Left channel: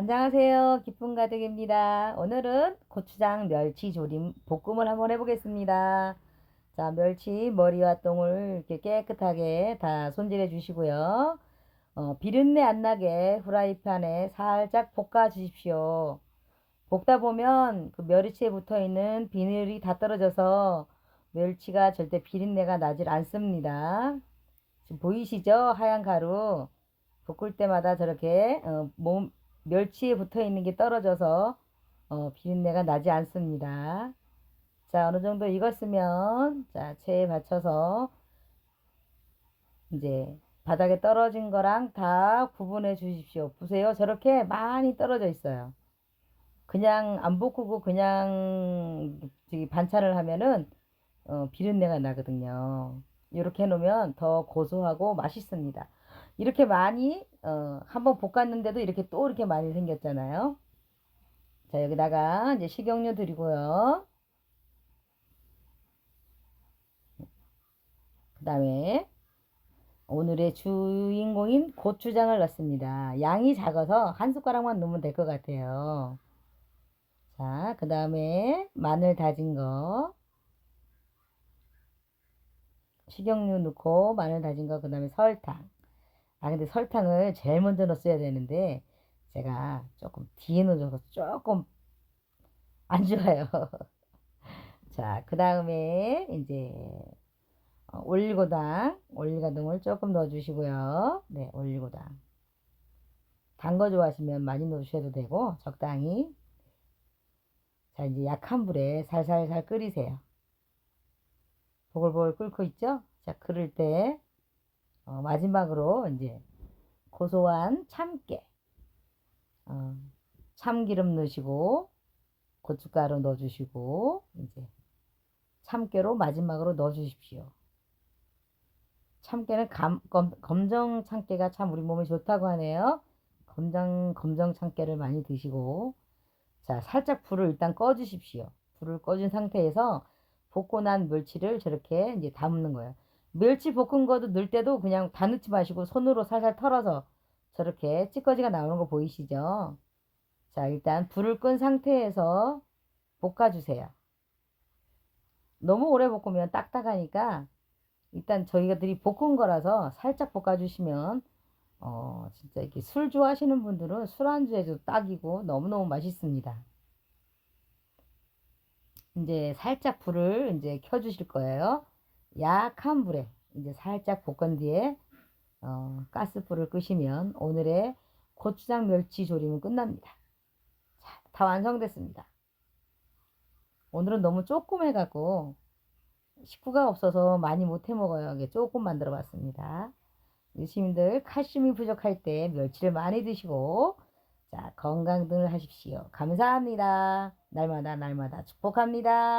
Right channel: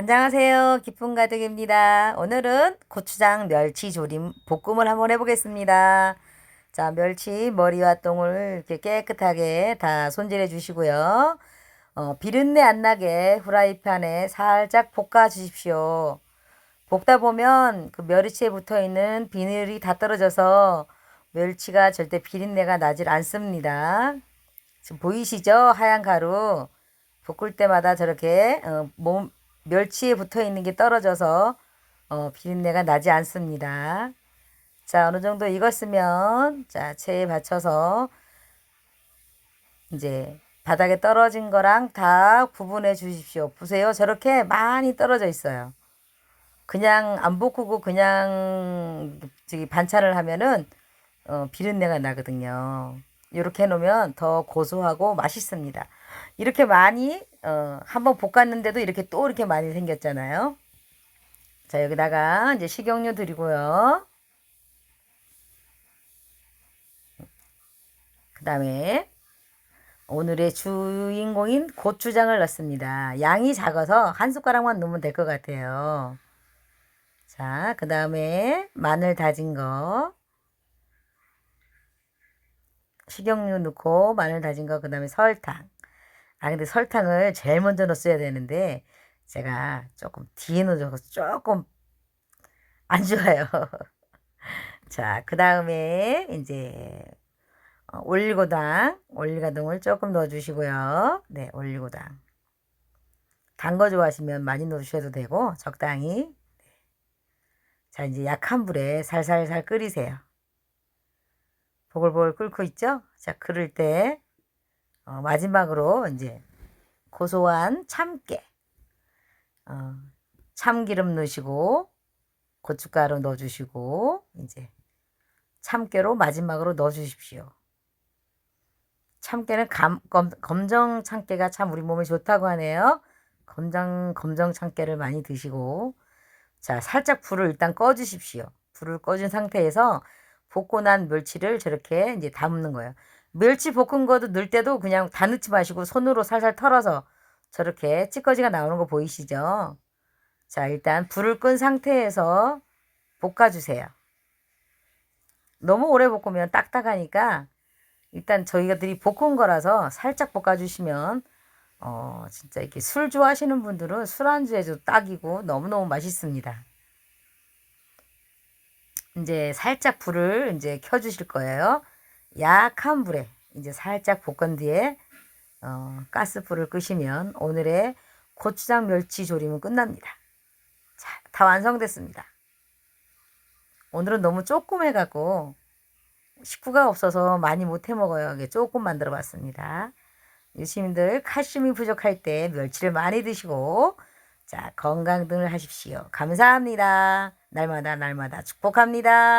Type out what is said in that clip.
안녕하세요. 기쁨 가득입니다. 오늘은 고추장 멸치 조림 볶음을 한번 해보겠습니다. 자, 멸치 머리와 똥을 이렇게 깨끗하게 다 손질해 주시고요. 어, 비린내 안 나게 후라이팬에 살짝 볶아 주십시오. 볶다 보면 그 멸치에 붙어 있는 비늘이 다 떨어져서 멸치가 절대 비린내가 나질 않습니다. 지금 보이시죠? 하얀 가루. 볶을 때마다 저렇게 어, 몸 멸치에 붙어 있는 게 떨어져서 어, 비린내가 나지 않습니다. 자, 어느 정도 익었으면 자, 체에 받쳐서 이제 바닥에 떨어진 거랑 다 구분해 주십시오. 보세요. 저렇게 많이 떨어져 있어요. 그냥 안 볶고 그냥 저기 반찬을 하면은 어, 비린내가 나거든요. 이렇게 해놓으면 더 고소하고 맛있습니다. 이렇게 많이 어, 한번 볶았는데도 이렇게 또 이렇게 많이 생겼잖아요. 자 여기다가 이제 식용유 드리고요. 그 다음에 오늘의 주인공인 고추장을 넣습니다. 양이 작아서 한 숟가락만 넣으면 될 것 같아요. 자, 그 다음에 마늘 다진 거, 식용유 넣고 마늘 다진 거, 그 다음에 설탕. 아, 근데 설탕을 제일 먼저 넣었어야 되는데 제가 조금 뒤에 넣어서 조금 안 좋아요. 자, 그 다음에 이제 어, 올리고당, 올리고당을 조금 넣어주시고요. 네, 올리고당. 단 거 좋아하시면 많이 넣으셔도 되고 적당히. 자, 이제 약한 불에 살살살 끓이세요. 보글보글 끓고 있죠? 자, 끓을 때 어, 마지막으로 이제 고소한 참깨, 어, 참기름 넣으시고 고춧가루 넣어주시고 이제 참깨로 마지막으로 넣어주십시오. 참깨는 감, 검, 검정 참깨가 참 우리 몸에 좋다고 하네요. 검정 검정 참깨를 많이 드시고 자 살짝 불을 일단 꺼주십시오. 불을 꺼준 상태에서 볶고 난 멸치를 저렇게 이제 담는 거예요. 멸치 볶은 거도 넣을 때도 그냥 다 넣지 마시고 손으로 살살 털어서 저렇게 찌꺼기가 나오는 거 보이시죠? 자, 일단 불을 끈 상태에서 볶아주세요. 너무 오래 볶으면 딱딱하니까 일단 저희가들이 볶은 거라서 살짝 볶아주시면 어, 진짜 이렇게 술 좋아하시는 분들은 술안주에도 딱이고 너무너무 맛있습니다. 이제 살짝 불을 이제 켜주실 거예요. 약한 불에 이제 살짝 볶은 뒤에 어, 가스불을 끄시면 오늘의 고추장 멸치 조림은 끝납니다. 자, 다 완성됐습니다. 오늘은 너무 조금 해갖고 식구가 없어서 많이 못 해 먹어요. 이게 조금 만들어 봤습니다. 유시민들 칼슘이 부족할 때 멸치를 많이 드시고 자 건강 등을 하십시오. 감사합니다. 날마다 날마다 축복합니다.